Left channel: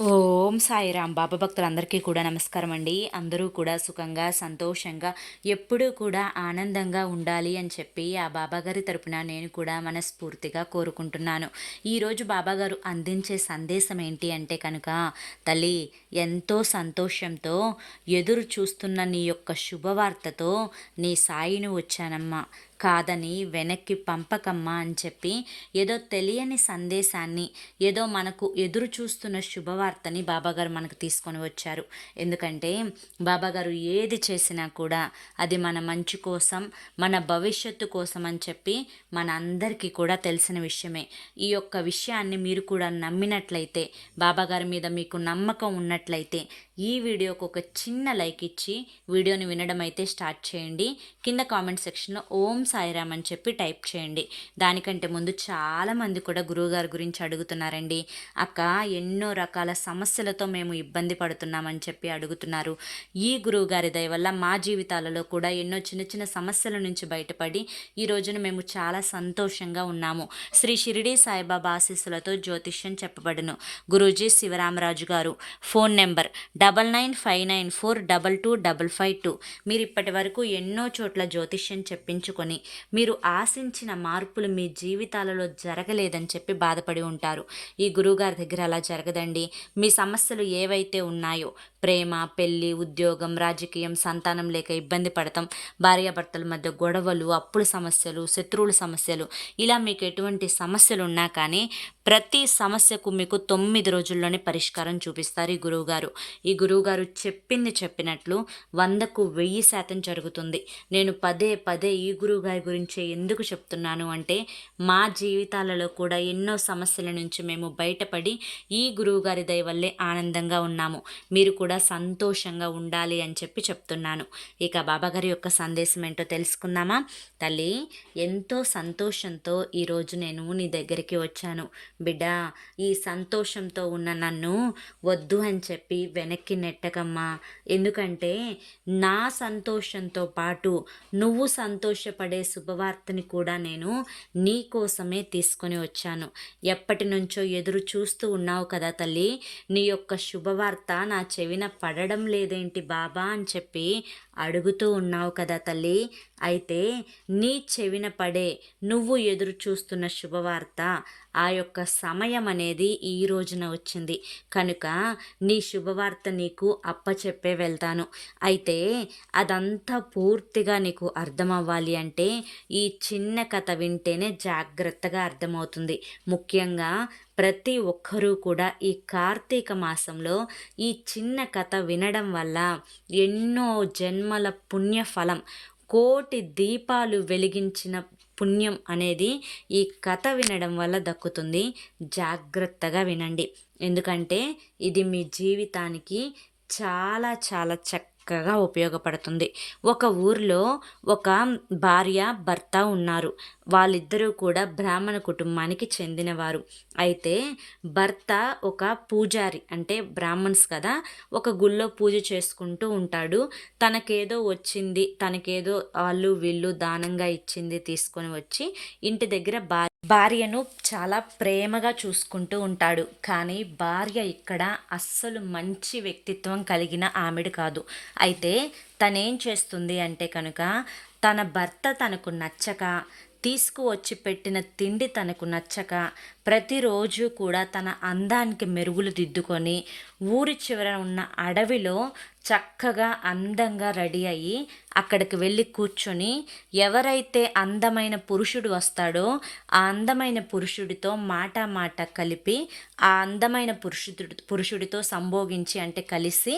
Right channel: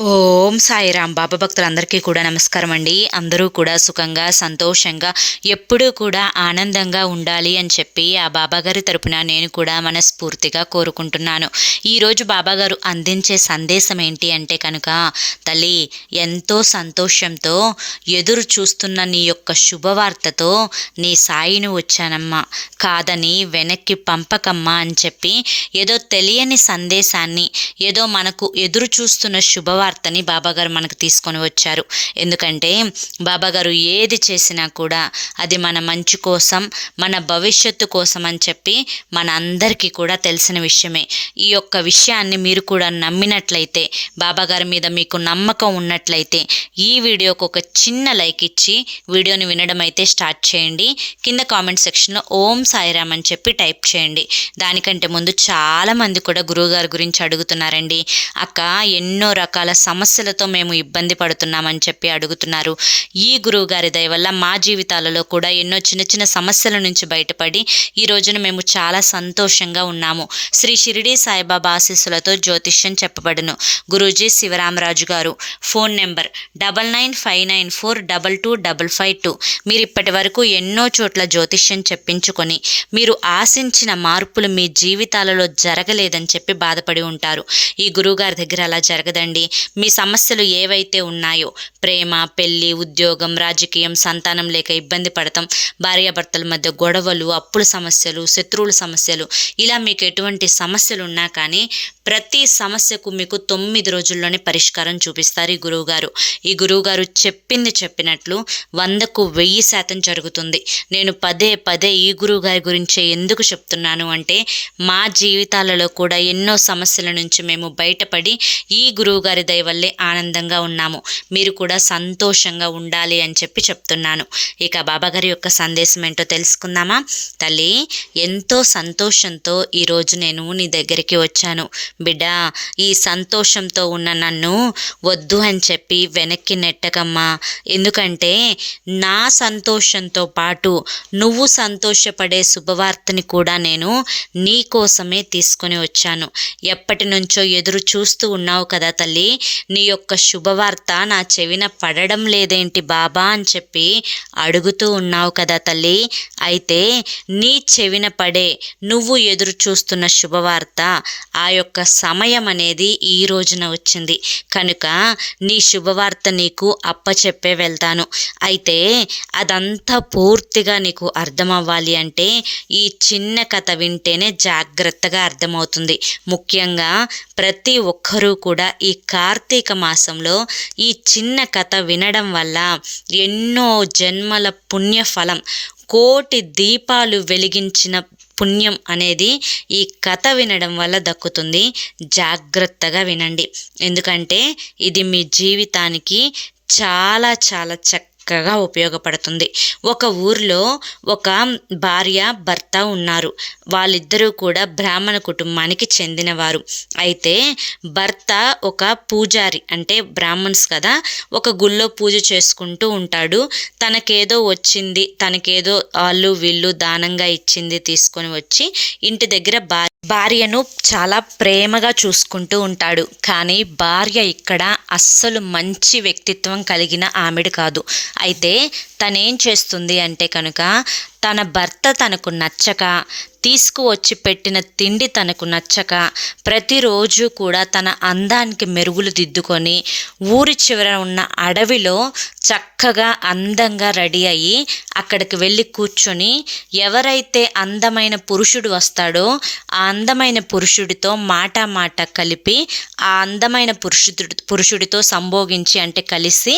ఓం సాయిరాం. బాబా భక్తులందరికీ కూడా నమస్కారం అండి. అందరూ కూడా సుఖంగా సంతోషంగా ఎప్పుడూ కూడా ఆనందంగా ఉండాలి అని చెప్పి ఆ బాబాగారి తరపున నేను కూడా మనస్ఫూర్తిగా కోరుకుంటున్నాను. ఈరోజు బాబాగారు అందించే సందేశం ఏంటి అంటే కనుక, తల్లి ఎంతో సంతోషంతో ఎదురు చూస్తున్న నీ యొక్క శుభవార్తతో నీ సాయిని వచ్చానమ్మా, కాదని వెనక్కి పంపకమ్మా అని చెప్పి ఏదో తెలియని సందేశాన్ని, ఏదో మనకు ఎదురు చూస్తున్న శుభవార్తని బాబాగారు మనకు తీసుకొని వచ్చారు. ఎందుకంటే బాబాగారు ఏది చేసినా కూడా అది మన మంచి కోసం, మన భవిష్యత్తు కోసం అని చెప్పి మన అందరికీ కూడా తెలిసిన విషయమే. ఈ యొక్క విషయాన్ని మీరు కూడా నమ్మినట్లయితే, బాబాగారి మీద మీకు నమ్మకం ఉన్నట్లయితే ఈ వీడియోకి ఒక చిన్న లైక్ ఇచ్చి వీడియోని వినడం అయితే స్టార్ట్ చేయండి. కింద కామెంట్ సెక్షన్లో ఓం సాయిరామ్ అని చెప్పి టైప్ చేయండి. దానికంటే ముందు చాలామంది కూడా గురువుగారి గురించి అడుగుతున్నారండి. అక్క, ఎన్నో రకాల సమస్యలతో మేము ఇబ్బంది పడుతున్నామని చెప్పి అడుగుతున్నారు. ఈ గురువుగారి దయ వల్ల మా జీవితాలలో కూడా ఎన్నో చిన్న చిన్న సమస్యల నుంచి బయటపడి ఈ రోజున మేము చాలా సంతోషంగా ఉన్నాము. శ్రీ షిరిడి సాయిబాబా ఆశీస్సులతో జ్యోతిష్యం చెప్పబడును. గురూజీ శివరామరాజు గారు. Phone number 9959422552. మీరు ఇప్పటి వరకు ఎన్నో చోట్ల జ్యోతిష్యం చెప్పించుకొని మీరు ఆశించిన మార్పులు మీ జీవితాలలో జరగలేదని చెప్పి బాధపడి ఉంటారు. ఈ గురువుగారి దగ్గర అలా జరగదండి. మీ సమస్యలు ఏవైతే ఉన్నాయో, ప్రేమ, పెళ్ళి, ఉద్యోగం, రాజకీయం, సంతానం లేక ఇబ్బంది పడతాం, భార్యాభర్తల మధ్య గొడవలు, అప్పుల సమస్యలు, శత్రువుల సమస్యలు, ఇలా మీకు ఎటువంటి సమస్యలు ఉన్నా కానీ ప్రతి సమస్యకు మీకు 9 రోజుల్లోనే పరిష్కారం చూపిస్తారు ఈ గురువుగారు. ఈ గురువుగారు చెప్పింది చెప్పినట్లు 100కు 1000% జరుగుతుంది. నేను పదే పదే ఈ గురువుగారి గురించే ఎందుకు చెప్తున్నాను అంటే, మా జీవితాలలో కూడా ఎన్నో సమస్యల నుంచి మేము బయటపడి ఈ గురువుగారి దయ వల్లే ఆనందంగా ఉన్నాము. మీరు కూడా సంతోషంగా ఉండాలి అని చెప్పి చెప్తున్నాను. ఇక బాబాగారి యొక్క సందేశం ఏంటో తెలుసుకుందామా? తల్లి, ఎంతో సంతోషంతో ఈరోజు నేను నీ దగ్గరికి వచ్చాను. బిడ్డ, ఈ సంతోషంతో ఉన్న నన్ను వద్దు అని చెప్పి వెనక్కి నెట్టకమ్మా. ఎందుకంటే నా సంతోషంతో పాటు నువ్వు సంతోషపడే శుభవార్తని కూడా నేను నీ కోసమే తీసుకొని వచ్చాను. ఎప్పటి నుంచో ఎదురు చూస్తూ ఉన్నావు కదా తల్లి, నీ యొక్క శుభవార్త నా చెవిన పడడం లేదేంటి బాబా అని చెప్పి అడుగుతూ ఉన్నావు కదా తల్లి. అయితే నీ చెవిన పడే నువ్వు ఎదురు చూస్తున్న శుభవార్త, ఆ యొక్క సమయం అనేది ఈ రోజున వచ్చింది కనుక నీ శుభవార్త నీకు అప్పచెప్పే వెళ్తాను. అయితే అదంతా పూర్తిగా నీకు అర్థం అవ్వాలి అంటే ఈ చిన్న కథ వింటేనే జాగ్రత్తగా అర్థమవుతుంది. ముఖ్యంగా ప్రతి ఒక్కరూ కూడా ఈ కార్తీక మాసంలో ఈ చిన్న కథ వినడం వల్ల ఎన్నో జన్మల పుణ్యఫలం, కోటి దీపాలు వెలిగించిన పుణ్యం అనేది ఈ కథ వినడం వల్ల దక్కుతుంది. జాగ్రత్తగా వినండి. ఎందుకంటే ఇది మీ జీవితానికి చాలా చాలా చక్కగా ఉపయోగపడుతుంది. ఒక ఊరిలో ఒక భార్య భర్త ఉన్నారు. వాళ్ళిద్దరూ కూడా బ్రాహ్మణ కుటుంబానికి చెందినవారు. అయితే భర్త ఒక పూజారి, అంటే బ్రాహ్మణ్స్ కదా, ఒక గుళ్ళో పూజ చేసుకుంటూ ఉంటాడు. తనకేదో వచ్చింది, తనకేదో వాళ్ళు వీళ్ళు దానంగా ఇచ్చింది తీసుకొని వచ్చి ఇంటి దగ్గర భార్యను చాలా ప్రేమగా చూసుకుంటూ ఉంటాడు. కానీ భార్య ఇక్కడ అస్సలు మంచి వ్యక్తిత్వం కలిగిన ఆమెడు కాదు. అయితే తనేం చేస్తుంది అంటే కనుక, తన భర్త తనకు నచ్చక, తీసుకువచ్చి పెట్టిన తిండి తనకు నచ్చక, ప్రతిరోజు కూడా తన అందానికి మెరుగులు దిద్దుకొని ఊరి చివర ఉన్న అడవిలో చక్కగా అందంగా రెడీ అయ్యి అక్కడికి వెళ్ళి కూర్చొని ఎవరైతే అందమైన పురుషుడు వస్తాడో ఆ అందమైన పురుషుడితో మాట కలిపి ఆ అందమైన పురుషుడితో సంభోగించి, అంటే కలిసి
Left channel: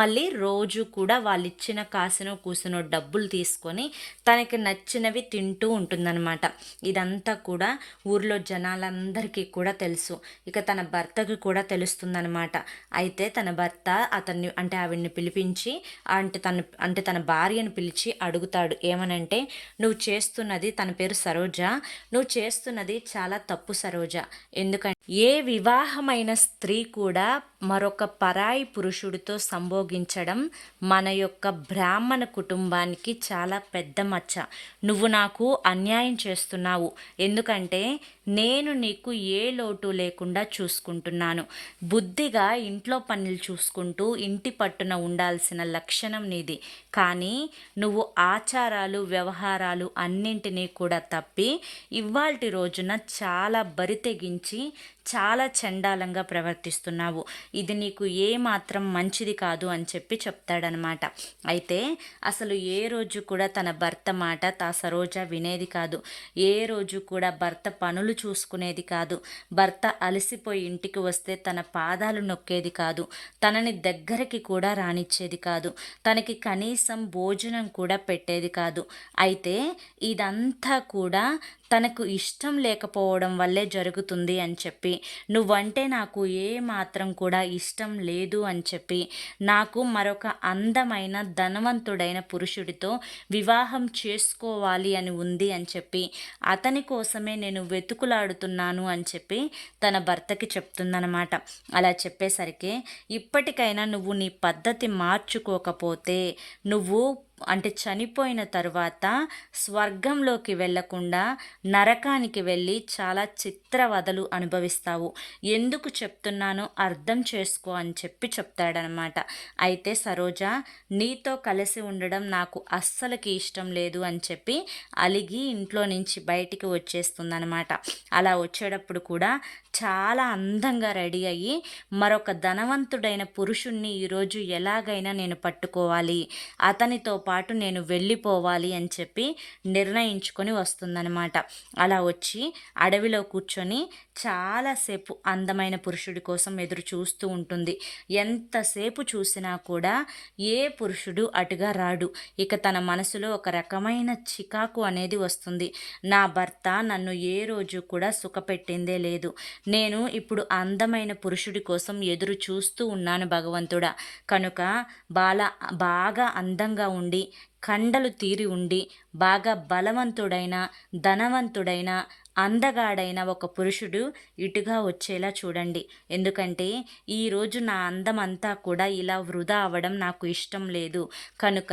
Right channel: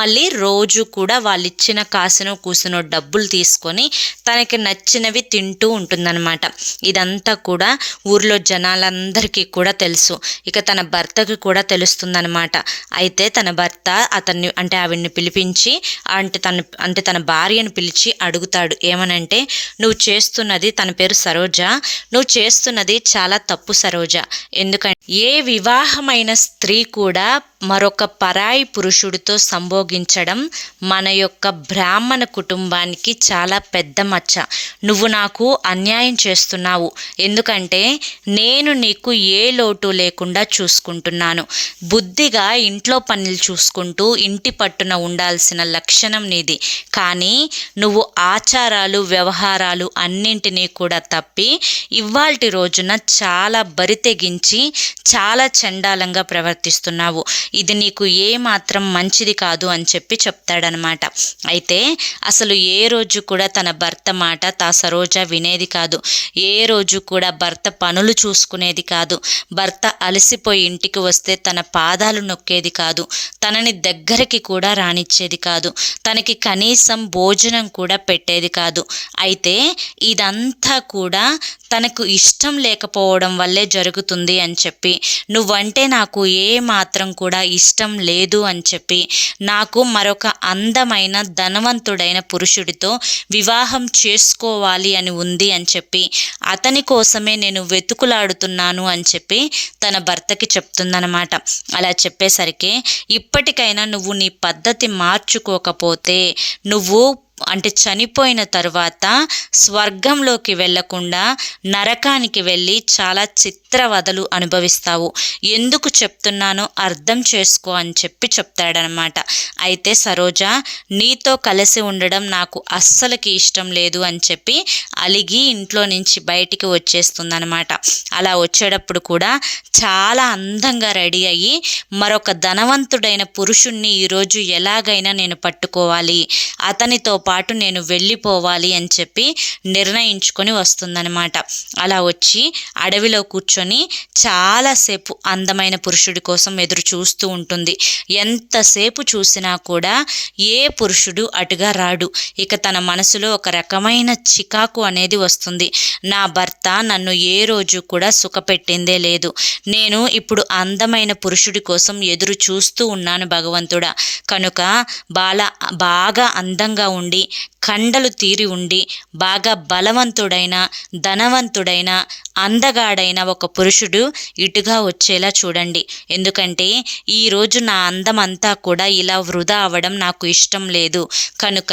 మళ్ళీ రోజు కూడా వాళ్ళు ఇచ్చిన కాసునో కూసునో డబ్బులు తీసుకొని తనకి నచ్చినవి తింటూ ఉంటుందన్నమాట. ఇదంతా కూడా ఊర్లో జనాలందరికీ కూడా తెలుసు. ఇక తన భర్తకి కూడా తెలుస్తుందన్నమాట. అయితే తన భర్త అతన్ని, అంటే ఆవిడ్ని పిలిపించి, అంటే తన భార్యను పిలిచి అడుగుతాడు. ఏమనంటే, నువ్వు చేస్తున్నది, తన పేరు సరోజ, నువ్వు చేస్తున్నది చాలా తప్పు సరోజ. ఎందుకంటే ఏ వివాహమైన స్త్రీ కూడా మరొక పరాయి పురుషుడితో సంభోగించడం మన యొక్క బ్రాహ్మణ కుటుంబానికి చాలా పెద్ద మచ్చ. నువ్వు నాకు అన్యాయం చేస్తున్నావు, ఎందుకంటే నేను నీకు ఏ లోటు లేకుండా చూసుకుంటున్నాను. బుద్ధిగా ఇంట్లో పనులు చూసుకుంటూ ఇంటి పట్టున ఉండాల్సిన లక్షణం నీది. కానీ నువ్వు ఆచారాలు వ్యవహారాలు అన్నింటినీ కూడా తప్పి ఇవాల్టి రోజున చాలా బరితెగించి చాలా చండాలంగా ప్రవర్తిస్తున్నావు. ఇది నీకు ఏమాత్రం మంచిది కాదు అని చెప్పి చెప్తాడనమాట. అయితే అసలు ఏ రోజు కూడా తన భర్త మాట సరోజ వినేది కాదు. ఏ రోజు కూడా భర్త పనులు చూసుకునేది కాదు. భర్త అలసిపోయి ఇంటికి వస్తే తన పాదాలు నొక్కేది కాదు. తనని దగ్గరికి కూడా రానిచ్చేది కాదు. తనకి కనీసం భోజనం కూడా పెట్టేది కాదు. అయితే ఇదంతా కూడా తనకు ఇష్టం లేకపోవడం వల్లే జరుగుతుంది అని చెప్పి, నువ్వంటే నాకు ఏ మాత్రం కూడా ఇష్టం లేదు అని చెప్పి, నాకు మరొక అందమైన ధనవంతుడైన పురుషుడితో వివాహం చేసుకోవాలి అని ఉంది అని చెప్పి, అతని కోసమే నేను వెతుకులాడుతున్నాను అని చెప్పి తన భర్తకి చెప్తుందనమాట. అలా చెప్పేసరికి, ఇప్పటికైనా నువ్వు నీ పద్ధతి మార్చుకోకపోతే నువ్వు చనిపోయిన తరువాత స్వర్గంలోకి వెళ్లకుండా నరకానికి వెళ్ళి చాలా చిత్రవదలు అనుభవిస్తావు. ఎందుకు చెప్తున్నానో అర్థం చేసుకో అని చెప్పి చెప్తాడనమాట. అయితే సరోజ, నీతో కలిసి ఉండడం నాకు అస్సలకి ఇష్టం లేదు అని చెప్పి అలిగి ఇంట్లో నుంచి బయటికి వచ్చేస్తుందనమాట. అలా వచ్చేటప్పుడు కూడా చాలా అందంగా రెడీ అయ్యి మరొక ధనవంతుడైన పురుషుణ్ణి ఈరోజు ఎలాగైనా నేను పట్టుకోవాలి, అతనితో పాటు నేను వెళ్ళిపోవాలి అని చెప్పి నిర్ణయించుకొని వస్తుందనమాట. అలా వచ్చి అడవిలో కూర్చొని చాలాసేపు అందమైన పురుషుడి కోసం ఎదురు చూస్తూ ఉంటుంది. ఎంతసేపు చూసినా కూడా ఏ పురుషుడు అటుగా రాడు. ఇక తన మనసులో ఒక రకమైన చికాకు అనేది వస్తుంది. నా భర్త నన్ను ఏ రోజు కూడా సుఖపెట్టిందే లేదు. నేను ఇప్పుడు అందమైన పురుషుడి కోసం ఎదురు చూస్తూ ఉన్నాను భగవంతుడా. కనుక బాగా అందంగా ఉండి, కండలు తీరి ఉండి, బాగా బలవంతుడైన, ధనవంతుడైన, అందగాడైన ఒక పురుషుడు ఇటుగా వచ్చేలా చూడండి. ఎందుకంటే ఈరోజు నా అందం అంతా కూడా ఇలా వృధా అవ్వడం నాకు ఇష్టం లేదు. కనుక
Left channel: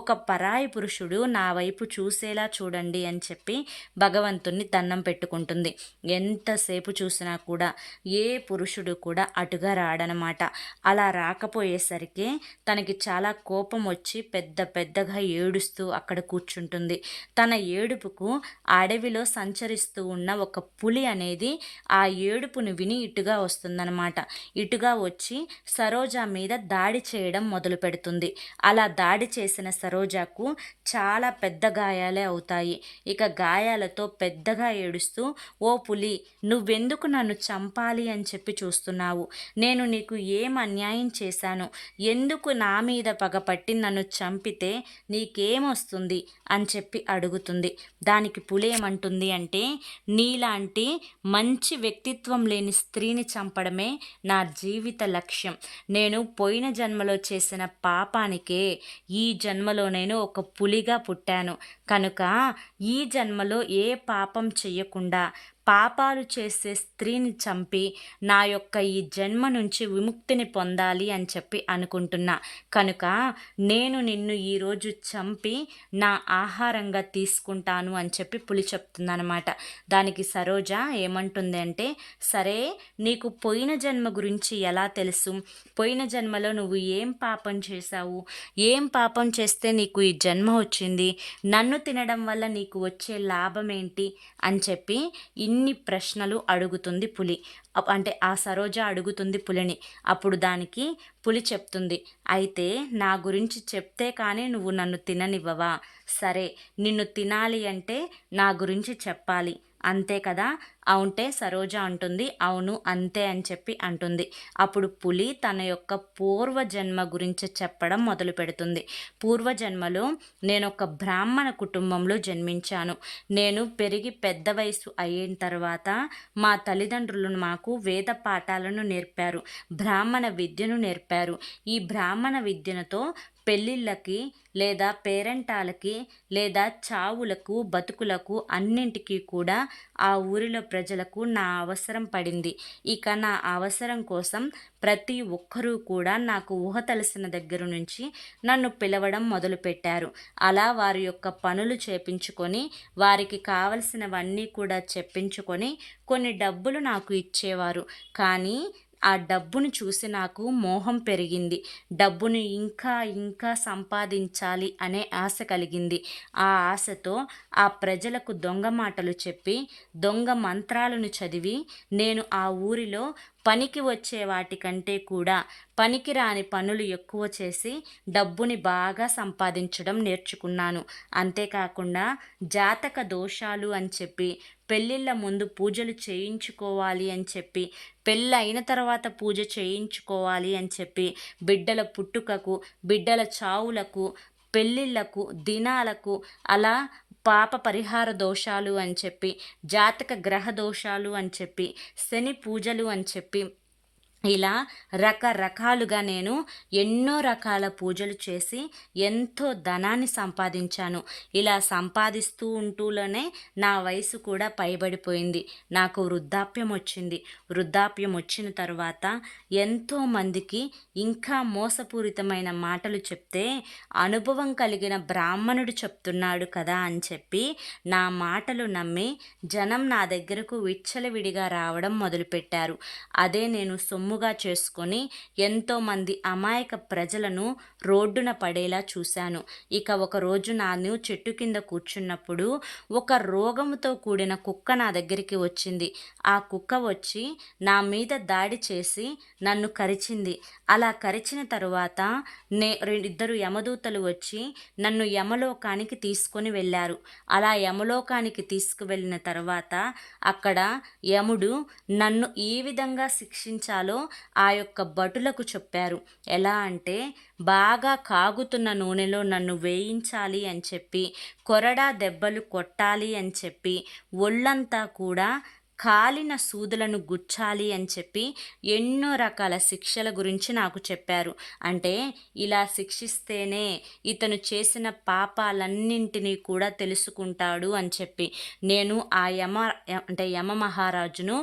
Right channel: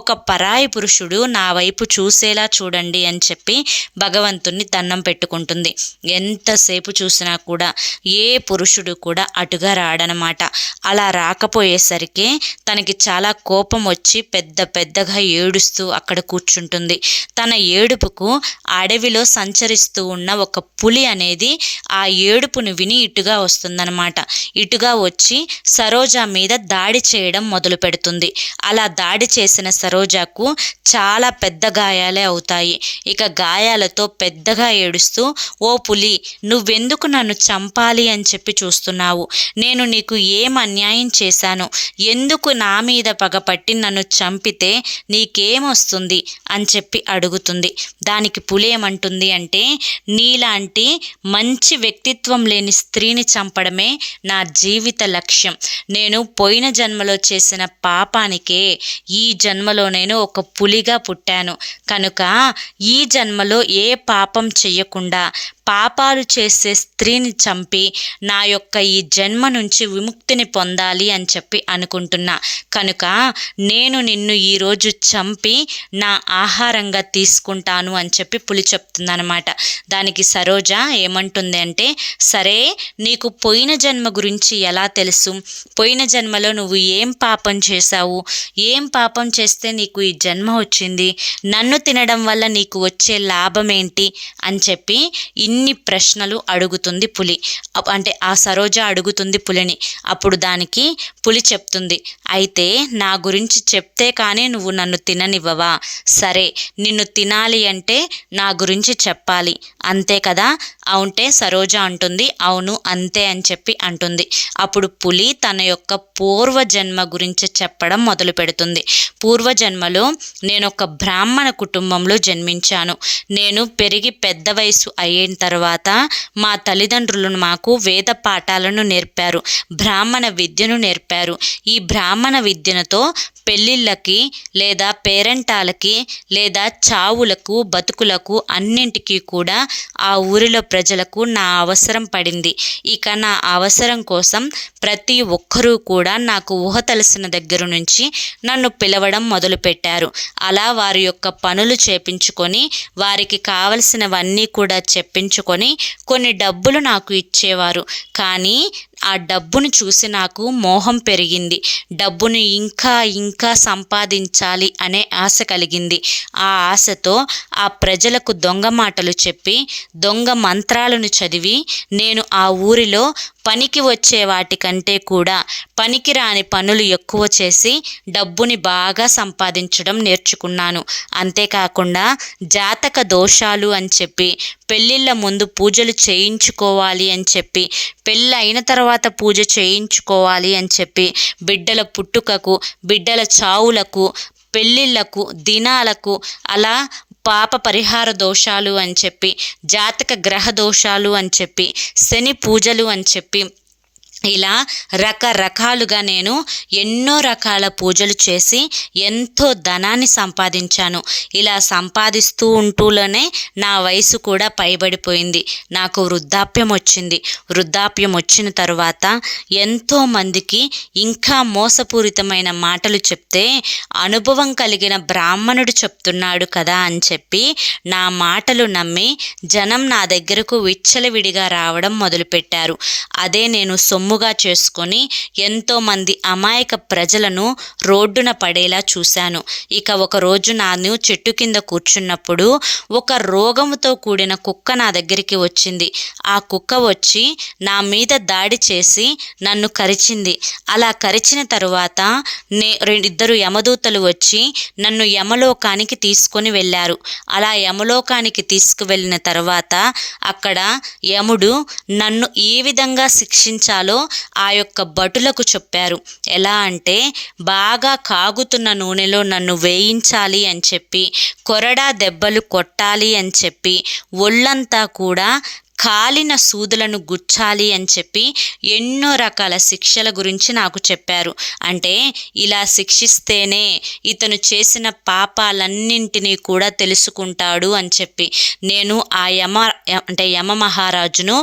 ఒక పరాయి పురుషుడు నా వైపు చూసేలా చూడండి అని చెప్పి భగవంతుణ్ణి దండం పెట్టుకుంటుంది. ఎంతసేపు చూసినా కూడా ఏ పురుషుడు కూడా అటుగా రాడనమాట. అలా రాకపోయేసరికి తనకి చాలా కోపం వచ్చి పెద్దగా ఏడుస్తూ అక్కడ కూర్చుంటుంది. తన ఏడుపుకు అడవిలో సంచరిస్తూ ఉన్న ఒక పులి అనేది ఆ ఏడుపును విని ఇటుగా వస్తుందన్నమాట. ఇటుగా వచ్చి సరోజ మీద దాడి చేయడం మొదలు పెడుతుంది. అలా దాడి చేసిన సరోజకు చాలా పెద్ద గాయాలే అవుతాయి. ఇక గాయాలతో పెద్దగా ఏడుస్తూ, ఓ పులి, నువ్వెందుకు నన్ను చంపాలి అని చెప్పి చూస్తున్నావు? నేను నీకు ఏం అన్యాయం చేశాను? ఎందుకు నా మీద పగపట్టి నన్ను చంపితే నీకేమొస్తుంది అని చెప్పి అడుగుతుంది. దానికి పులి ఏమంటుంది అంటే, నీలాంటి మంచి వ్యక్తిత్వం లేని స్త్రీని చంపడమే నా జీవిత లక్ష్యం. నేను పోయిన జన్మలో చేసిన పాపానికే ఈ జన్మలో నేను ఒక పులిగా పుట్టాను. కనుక ఈ జన్మలో ఏ పాపం చెయ్యకుండా పాపాలు చేసే స్త్రీని చంపి నా యొక్క ఈ జన్మ నుంచి విముక్తిని పొందాలి అని చెప్పి అనుకుంటున్నా. కనుక నేను నిన్ను ఈరోజు చంపి నా ఆహారంగా తీసుకుంటాను అని చెప్పి పులి చెప్తుందనమాట. దానికి సరోజ ఏమంటుంది అంటే, సరే, నీకు పోయిన జన్మ గురించి ఎలా తెలుసు? పోయిన జన్మలో నువ్వు ఏం పాపం చేశావు? ఏం పాపం చేస్తే నీకు ఈ జన్మ వచ్చింది? నన్ను తినడం వల్ల నీకు వచ్చే లాభం ఏంటి అని చెప్పి ఇన్ని ప్రశ్నలు అడుగుతుంది పులి. ఆ సరోజ అడుగుతుంది పులిని. అప్పుడు దానికి పులి చెప్తుంది, అయితే నా గురించి చెప్తే కానీ నువ్వు నన్ను తిననివ్వవా? సరే, నిన్ను తినాలి అంటే నా గురించి చెప్పాలి, అంతే కదా? అవుంటే సరోజ అంటుంది, అవును అంతే అని చెప్పి అంటుంది. అప్పుడు పులి తన యొక్క పూర్వజన్మ గురించి చెప్పడం మొదలు పెడుతుంది. పూర్వజన్మలో నేను ఒక బ్రాహ్మణ కుటుంబంలో జన్మించాను. నేను పెరిగి పెద్ద వయసు అయిన తర్వాత మా తల్లిదండ్రులు మాకు వేద పాఠాలను నేర్పారు, బ్రాహ్మణ విద్యను నేర్పారు. ఈ బ్రాహ్మణ విద్యతో పెళ్ళిళ్ళకి లేదా పేరంటాలకి లేదా చావులకు బతుకులకు అన్నింటికీ కూడా ఆ ఊరిలో ప్రజలకు నా అవసరం పడింది. ఇక నా అవసరం కోసం ప్రతి ఒక్కరూ కూడా నాకు ఊహ తెలిసిన దగ్గర నుంచి నన్ను పిలవడం మొదలుపెట్టారు. అలా వారి యొక్క పనులు చేపించుకొని వారికి కావలసినవన్నీ కూడా చెప్పించుకొని కొన్ని డబ్బులు నాకు ఇచ్చేవారు. కానీ ఆ డబ్బును చూసి నాకు మోహం పెరిగింది. డబ్బును ఇంకా సంపాదించాలి అనే ఆశ కలిగింది. ఆ ఆశతో ఆ ప్రజలకు దొంగ మాటలు చెప్పి దొంగ మంత్రాలను చదివి నేను ఆ ఊరిలో పనికి వచ్చే వాటికంటే కూడా పనికిరాని పనులు ఎక్కువ చేసి డబ్బుని బాగా సంపాదించడం నేర్చుకున్నాను. అంతేకాకుండా జాతక దోషాలు అని చెప్పి, పెళ్ళిళ్ళ ముందు పూజలు చేయించుకోవాలి అని చెప్పి, పెళ్ళి అయిన తర్వాత పూజ చేయించుకోవాలి అని చెప్పి, బిడ్డల పుట్టుకకు, బిడ్డల చావులకు, పెళ్ళిళ్ళకు, దినాలకు, అలా పాప పరిహార దోషాలు అని చెప్పి, జాతక గ్రహ దోషాలు అని చెప్పి, శని పూజలు అని చెప్పి, ఇలా రకరకాలుగా నేను ఎన్నో రకాల పూజలు చేసి ఎంతో ధనాన్ని సంపాదించాను. ఇలా సంపాదిస్తూ ఉంటూనే నా వయసు కూడా పైబడిపోయింది. నాకు వృద్ధాప్యం వచ్చింది. వృద్ధాప్యం వచ్చిన తర్వాత ఎంతోమందికి ఇంకా మోసపూరితమైన మాటలు చెప్తే అనుభవం కలిగిన బ్రాహ్మణుడు చెప్తున్నాడు కదా అని చెప్పి నా మాటలు నమ్మి జనం నా దగ్గరకు విచ్చలవిడిగా రావడం మొదలుపెట్టారు. అదే నేను సొమ్ముగా చేసుకొని ఎంతోమంది అమాయక ప్రజలను రోడ్డున పడేలా చూశాను. ఇక ఒకరోజు నేను చెట్టు కింద కూర్చున్నప్పుడు ఒక రోగముతో కూడిన కుక్క నా దగ్గరికి వచ్చింది. ఆ కుక్క వచ్చి నా మీద దాడి చేసి నన్ను కరిచింది. అలా కరిచిన తరువాత ఇద్దరు యమదూతలు వచ్చి నన్ను యమలోకానికి తీసుకొని వెళ్ళారు. అలా యమలోకానికి తీసుకువెళ్ళిన తర్వాత అక్కడ యముడు నన్ను ఏ విధంగా శిక్షించాలో ఆ యొక్క భటులకు చెప్పారు. ఎలా అంటే బాగా కాగుతున్న నూనెలో నన్ను వేయించాలి అని చెప్పి, కొరడా దెబ్బలు కొట్టాలి అని చెప్పి, ఒళ్ళంతా కూడా కాలిన సూదులను గుచ్చాలి అని చెప్పి ఎన్నో రకాల శిక్షల గురించి నాకు చెప్పారు. అంటే ఇలా శిక్షిస్తేనే ఇతను చేసిన పాపాలన్నింటినీ కూడా తెలుసుకుంటాడు అని చెప్పి నేను ఆ యమ మహారాజును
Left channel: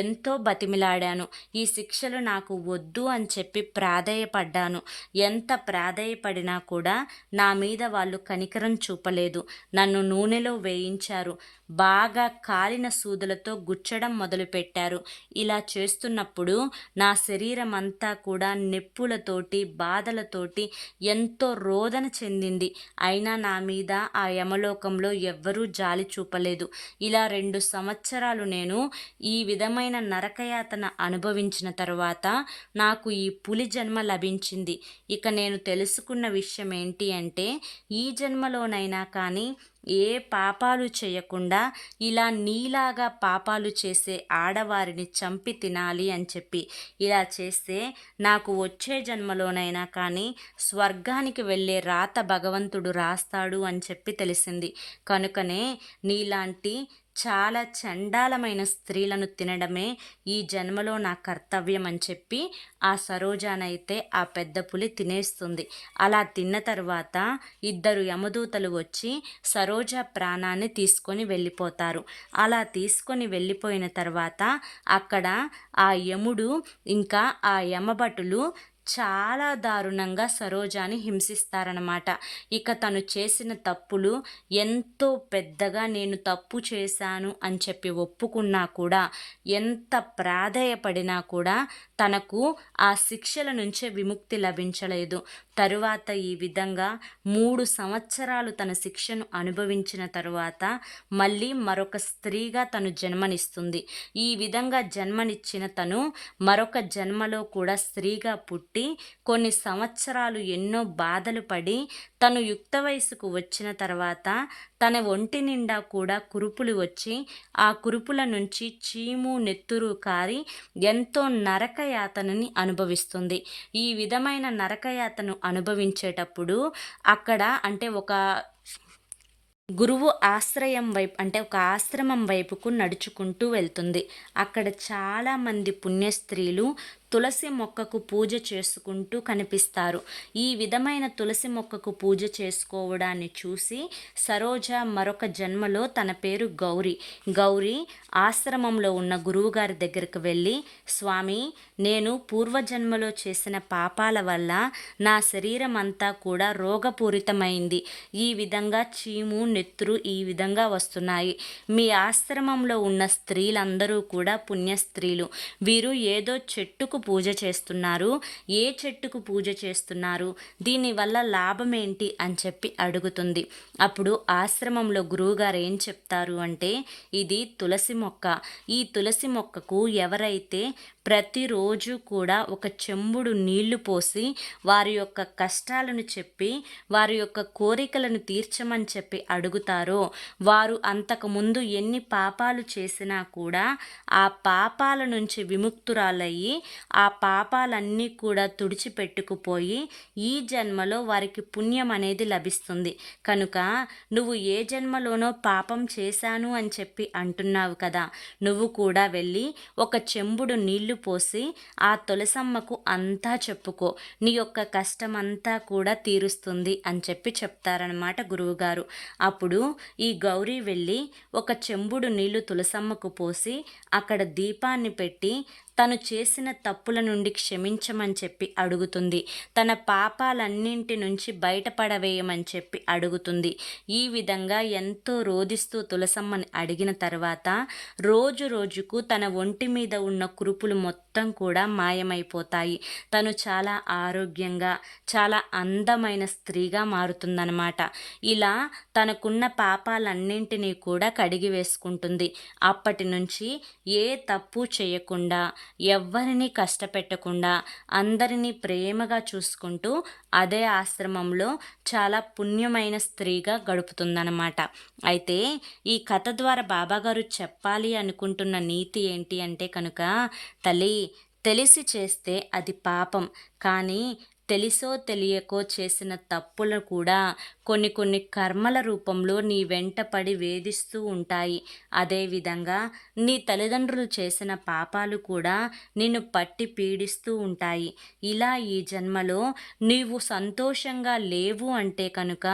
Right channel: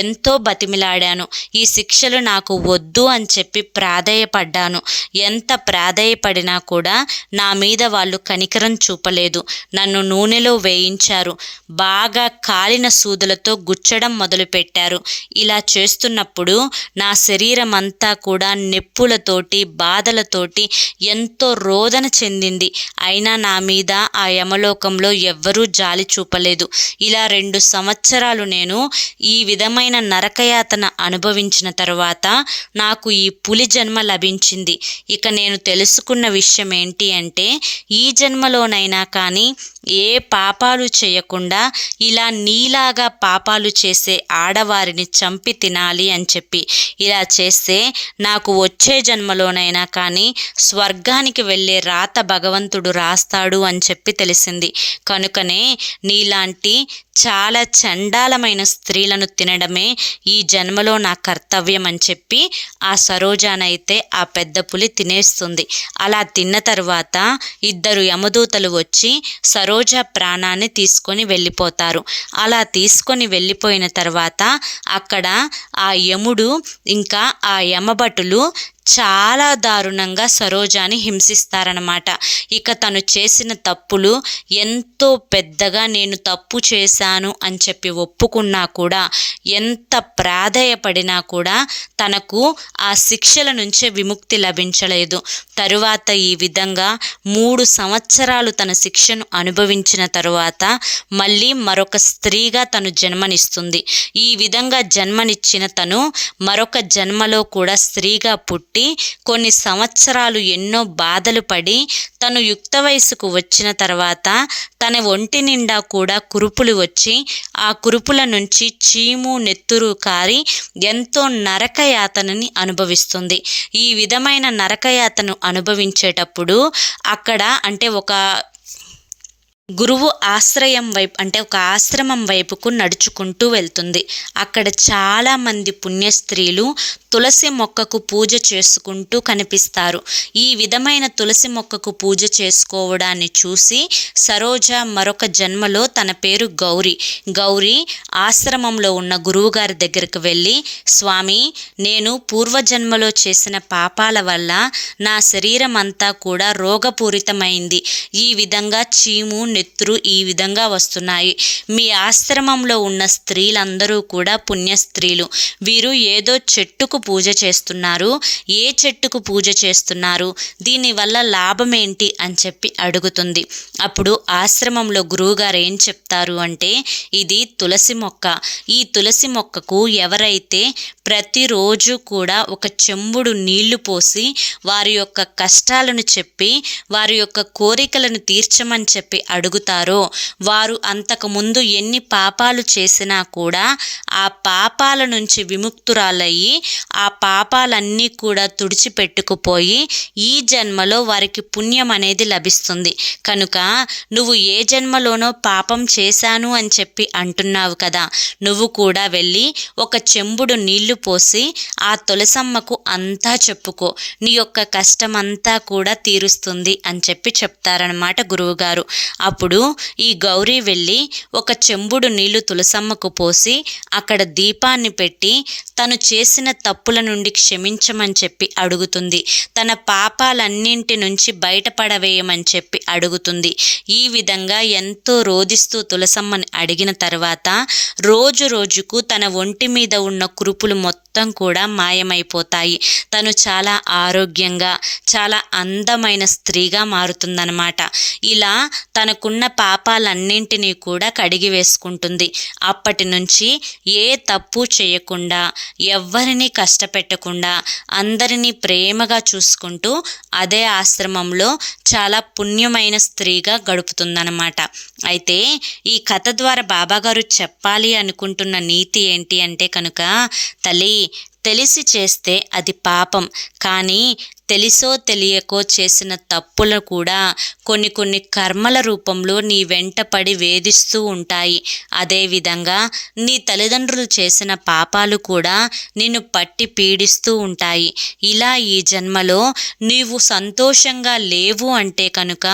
ఎంతో బతిమిలాడాను. ఈ శిక్షలు నాకు వద్దు అని చెప్పి ప్రాధేయపడ్డాను. ఎంత ప్రాధేయపడినా కూడా నా మీద వాళ్ళు కనికరం చూపలేదు. నన్ను నూనెలో వేయించారు. బాగా కాలిన సూదులతో గుచ్చడం మొదలుపెట్టారు. ఇలా చేస్తున్నప్పుడు నా శరీరం అంతా కూడా నొప్పులతోటి, బాధలతోటి ఎంతో రోదన చెందింది. అయినా నా మీద ఆ యమలోకంలో ఎవ్వరూ జాలి చూపలేదు. ఇలా 2 సంవత్సరాలు నేను ఈ విధమైన నరకయాతన అనుభవించిన తర్వాత నాకు ఈ పులి జన్మ లభించింది. ఇక నేను తెలుసుకున్న విషయం ఏంటి అంటే, ఈ జన్మలోనైనా కానీ ఏ పాపాలు చేయకుండా ఇలా నీలాగా పాపాలు చేసే ఆడవారిని చంపి తినాలి అని చెప్పి, ఇలా చేస్తే నాకు వచ్చే జన్మలోనైనా కానీ స్వర్గానికి వెళ్ళే రాత భగవంతుడు రాస్తాడు అని చెప్పి తెలిసింది. కనుకనే నీలాంటి చాలా చండాలమైన స్త్రీలను తినడమే ఈ జన్మలో నా కర్తవ్యం అని చెప్పి ఆ సరోజానైతే ఆ పెద్ద పులి తినేస్తుంది. అలా తిన్న తర్వాత ఇద్దరు యమదూతలు వచ్చి సరోజ ప్రాణాన్ని తీసుకొని వెళ్ళిపోతారు. అలా తీసుకొని వెళ్ళిపోయిన తర్వాత అక్కడ ఆ యముడు ఇంకా ఆ యమభటులు చాలా దారుణంగా సరోజాని హింసిస్తారనమాట. ఇక తను చేసిన తప్పులు ఎంతో పెద్దగా నేను తప్పు చేశాను అని చెప్పి ఒప్పుకున్నా కూడా, ఎంత ప్రాధేయపడినా కూడా తనకు ఆ శిక్షల నుంచే విముక్తి లభించలేదు. తరువాత ఈ విధంగా 3 సంవత్సరాలు తన శిక్షను అనుభవించిన తరువాత మళ్ళీ మరొక స్త్రీగా తను జన్మనిస్తుంది. ఈ విధంగా జన్మనిచ్చిన తను మరొక జన్మలో కూడా స్త్రీగా పుట్టి కొన్ని సంవత్సరాలు ఎన్నో బాధలు పడి తను యుక్త వయసుకు వచ్చిన తర్వాత తన ఒంటి నిండా కూడా కురుపులు వచ్చి ఆ కురుపుల నుంచి చీము నెత్తురు కారి ఎంతో నరకయాతనని అనుభవిస్తుంది. ఈ విధమైన నరకయాతను అనుభవించేటప్పుడు అక్కడ అంటే ఒక గురువు ఆశ్రయం వైపు అంటే ఒక ఆశ్రమం వైపుకు నడుచుకుంటూ వెళ్తుంది. అక్కడ చాలామంది పుణ్యస్త్రీలు తులసి మొక్కకు పూజ చేసుకుంటూ కనిపిస్తారు. ఈ విధమైన తులసి మొక్కకు పూజ చేసుకోవడాన్ని చూసి సరోజ మరొక జన్మలో తన పేరు గౌరీ ఆశ్రమంలో ఉన్న గురువుగారి దగ్గరకు వెళ్ళి, స్వామి, నేను పూర్వజన్మలో చేసిన పాపాల వల్ల నా శరీరం అంతా కూడా రోగపూరితమైంది. ఈ విధంగా చీము నెత్తురు ఈ విధంగా వస్తున్నాయి. మీ ఆశ్రమంలో ఉన్న స్త్రీలందరూ కూడా పుణ్యస్త్రీలు. వీరు ఏదో చెట్టుకు పూజ చేస్తున్నారు. ఏ చెట్టుకు పూజ చేస్తున్నారు, దీనివల్ల లాభం ఏంటి అని చెప్పి అడుగుతుంది. అప్పుడు ఆశ్రమంలో గురువుగారు ఏం చెప్తారు అంటే, ఇది తులసి మొక్క. ఈ తులసి మొక్కకు ఎవరైతే ప్రతిరోజు కూడా ఒక చెంబుడు నీళ్లు పోసి వారి యొక్క కష్టాలను చెప్పి వారి యొక్క కోరికలను తీర్చమని చెప్పి అడుగుతారో, వారు అంతకుముందు ఎన్ని పాపాలు చేసినా కూడా ఆ పాపాల నుంచి విముక్తురాలయ్యి ఆ పాపాలన్నీ కూడా తుడిచిపెట్టుకుపోయి ఈ జన్మలో వారికి పుణ్యం అనేది లభిస్తుంది. కనుక నువ్వు ఏ జన్మలోనో పాపం చేశాను అని చెప్పి అంటున్నావు కదా, నువ్వు కూడా వెళ్ళి ఒక చెంబుడు నీళ్లు పోసి ఆ తులసమ్మకు అంతా చెప్పుకో, నీ యొక్క కష్టమంతా కూడా తీరుస్తుంది అని చెప్పి చెప్తారనమాట గురువుగారు. అప్పుడు ఈ గౌరీ వెళ్ళి ఒక చెంబుడు నీళ్లు తులసమ్మకు పోసి అక్కడ దీపాన్ని పెట్టి తను చేసిన తప్పుల నుండి క్షమించమని చెప్పి అడుగుతుంది. తన పాపాలన్నింటి నుంచి బయటపడవేయమని చెప్పి అడుగుతుంది. ఈ విధంగా ఎంతో రోదిస్తూ తులసమ్మని అడిగిన తర్వాత రోజు రోజుకు తన ఒంటి మీద ఉన్న కురుపులు మొత్తం కూడా మాయమైపోతాయి. తను చాలా ఆరోగ్యంగా చాలా అందమైన స్త్రీగా మారుతుందన్నమాట. ఇలా తనకున్న పాపాలన్నింటినీ కూడా కడిగి వేసుకుంటుంది. అప్పటి నుంచి ఏ తప్పు చేయకుండా, ఎవ్వరినీ కష్టపెట్టకుండా, అందరినీ ప్రేమగా చూసుకుంటూ అదే ఆశ్రమంలో చాలా పుణ్యమైన స్త్రీగా గడుపుతుందన్నమాట. అయితే ఈ కథ ద్వారా బాబాగారు చెప్పాలి అనుకుంటున్న నీతి ఏంటి అంటే కనుక, తల్లి, తెలిసి చేస్తే అది పాపం, కానీ తెలిసో తెలియకో చేసిన తప్పులు కూడా కొన్ని కర్మల రూపంలో నీ వెంట పడి వేధిస్తూ ఉంటాయి. అదేవిధంగా నీ తల్లిదండ్రులు చేసిన పాపాలు కూడా నిన్ను పట్టి పీడిస్తూ ఉంటాయి. ఇలా ఈ జన్మలో నీవు సంతోషంగా లేవు అంటే కనుక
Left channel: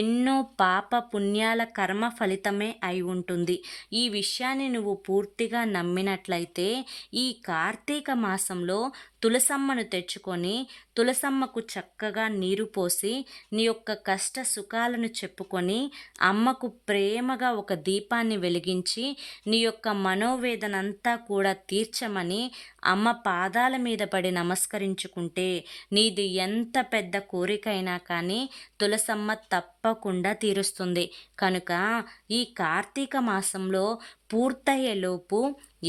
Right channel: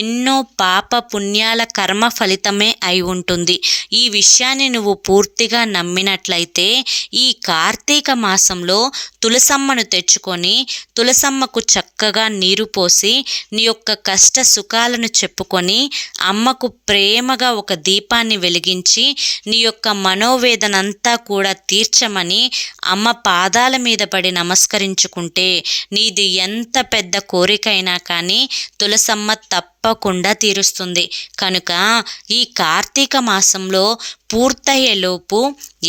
ఎన్నో పాప పుణ్యాల కర్మ ఫలితమే అయి ఉంటుంది. ఈ విషయాన్ని నువ్వు పూర్తిగా నమ్మినట్లయితే ఈ కార్తీక మాసంలో తులసమ్మను తెచ్చుకొని తులసమ్మకు చక్కగా నీరు పోసి నీ యొక్క కష్ట సుఖాలను చెప్పుకొని అమ్మకు ప్రేమగా ఒక దీపాన్ని వెలిగించి నీ యొక్క మనోవేదనంతా కూడా తీర్చమని అమ్మ పాదాల మీద పడి నమస్కరించుకుంటే నీది ఎంత పెద్ద కోరికైనా కానీ తులసమ్మ తప్పకుండా తీరుస్తుంది. కనుక ఈ కార్తీక మాసంలో పూర్తయ్యేలోపు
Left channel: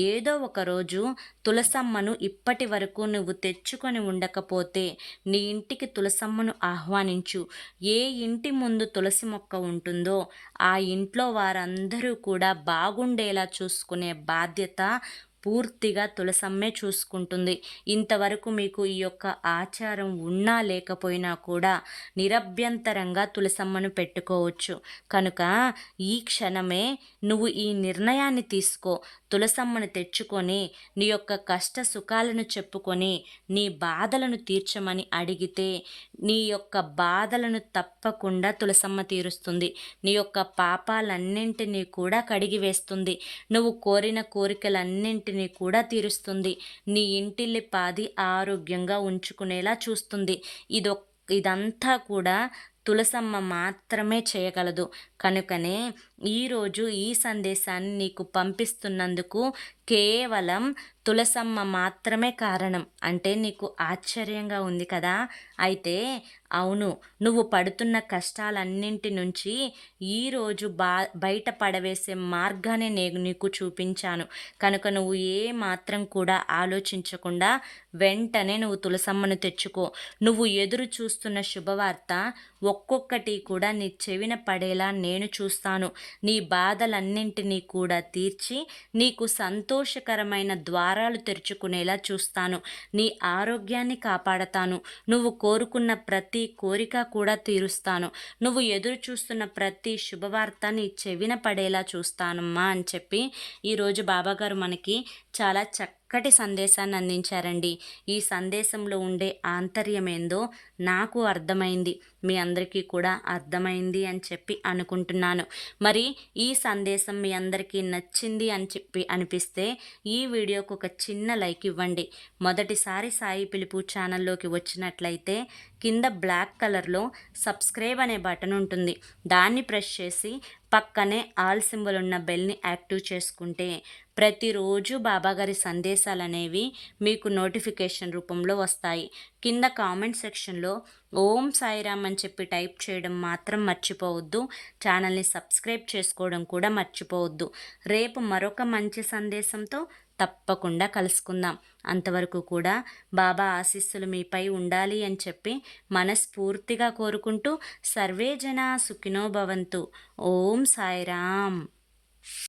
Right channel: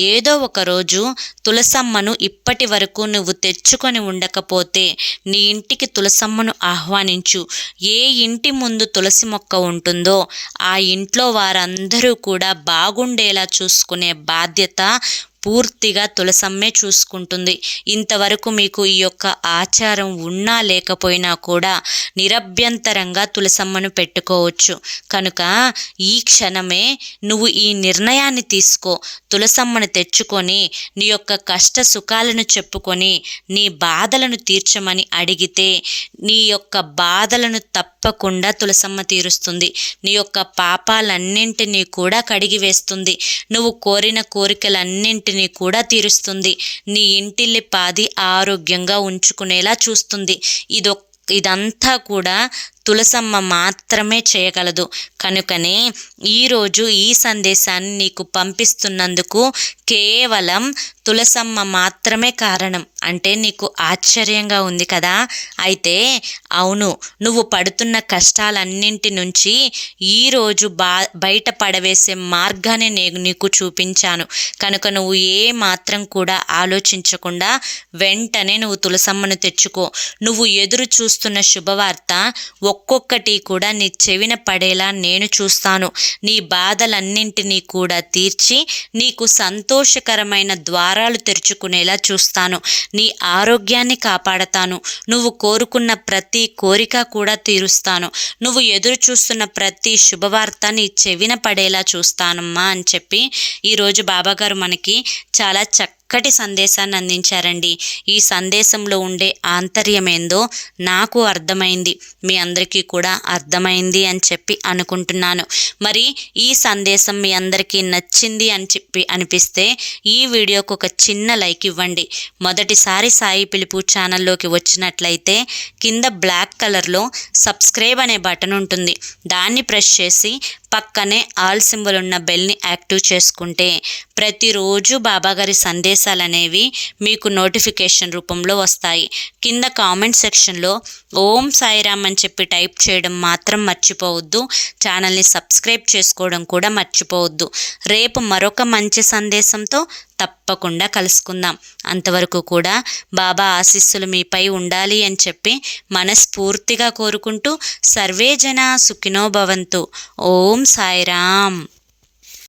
ఏదో ఒకరోజు తులసమ్మను ఇప్పటి వరకు నువ్వు తెచ్చుకొని ఉండకపోతే నీ ఇంటికి తులసమ్మను ఆహ్వానించు. ఏ ఇంటి ముందు తులసి మొక్క ఉంటుందో ఆ ఇంట్లో వారందరూ కూడా బాగుండేలా చూసుకునే బాధ్యత పూర్తిగా తులసమ్మే చూసుకుంటుంది. ఇంతవరకు మీకు ఈ యొక్క ఆచారం ఉన్నా లేకపోయినా కూడా నిరభ్యంతరంగా తులసమ్మను పెట్టుకోవచ్చు. కనుక ఈ క్షణమే నువ్వు ఈ నిర్ణయాన్ని తీసుకో. తులసమ్మను తెచ్చుకొని నీ యొక్క కష్ట సుఖాలను చెప్పుకొని నీ బాధలను తీర్చమని అడిగితే నీ యొక్క బాధలను తప్పకుండా తులసమ్మ తీరుస్తుంది. నీ యొక్క పాపాలన్నింటినీ కూడా కడిగివేస్తుంది. నువ్వు కోరిన కోరికలన్నింటినీ కూడా తీరుస్తుంది. నీ ఇంటిల్లిపాది ఆరోగ్యంగా ఉంచుకునేలా చూస్తుంది. ఇదంతా కూడా తులసమ్మ మాత్రమే చేయగలదు. కనుకనే ఈరోజు ఈ సందేశాన్ని నీకు పంపిస్తున్నందుకు కేవలం తులసమ్మ మాత్రమే కారణం. అంటే నీకు ఆశ్చర్యంగా ఉంది కదా? అయితే అవును, నువ్వు పడుతున్న కష్టాలన్నింటి నుంచి ఈరోజు బయట పడవేసే మార్గాన్ని నేను నీకు చూపించాను. కనుక నువ్వు ఏ మాత్రం కూడా ఆలోచించకుండా వెంటనే నువ్వు తులసమ్మను తెచ్చుకో. నువ్వు ఎదురు చూస్తున్న శుభవార్త ఒక్కొక్కటి కూడా నీ చెవిన పడేలా నేను చూస్తాను. నీ బాధలన్నింటినీ కూడా తీర్చి నీకు సంతోషకరమైన ద్వారాలు తెరుచుకునేలా చూస్తాను. నీ ఆరోగ్యాన్ని కాపాడతాను. నువ్వు కోరుకున్న ప్రతి కోరిక కూడా తీరుస్తాను. నువ్వు ఎదురు చూస్తున్న ప్రతి శుభవార్త నీ చెవిన పడేలా చూస్తానమ్మా అని చెప్పి ఈరోజు బాబాగారు మనకి చాలా చక్కటి సందేశాన్ని అందించారండి. ఈ సందేశంలో ఉండే ఆంతర్యమేందో నాకు అర్థమైంది, మీ అందరికీ కూడా అర్థమైంది అని చెప్పి అనుకుంటున్నాను. మరి ఈ సందేశం మీ అందరికీ నచ్చింది అని చెప్పి అనిపిస్తే ఈ వీడియోకి ఒక చిన్న లైక్ ఇవ్వండి. మొదటిసారి సాయి పిలుపు ఛానల్లోకి వచ్చినట్లయితే కింద బ్లాక్ కలర్లో సబ్స్క్రైబ్ అనే బటన్ ఉంటుంది. దాన్ని ప్రెస్ చేసి పక్కనే ఆల్ సింబల్ ఉన్న బెల్ని యాక్టివ్ చేసుకుంటే ప్రతిరోజు బాబాగారి సందేశాలు అనేవి మీకు నోటిఫికేషన్ రూపంలో వస్తాయి. కింద కామెంట్ సెక్షన్లో ఓం సాయిరామ్ అని చెప్పి టైప్ చేయడం మాత్రం మర్చిపోవద్దు. ఛానల్ని సబ్స్క్రైబ్ చేసుకోవడం కూడా మర్చిపోవద్దు. రేపు మరొక మంచి సందేశంతో తప్పకుండా కలుసుకుందాం. అంతవరకు కూడా బాబా ఆశీస్సులు మీపై ఉండాలి అని చెప్పి మనస్ఫూర్తిగా కోరుకుంటూ సర్వే జన సుఖినో భవంతు. ఓం సాయిరామ్.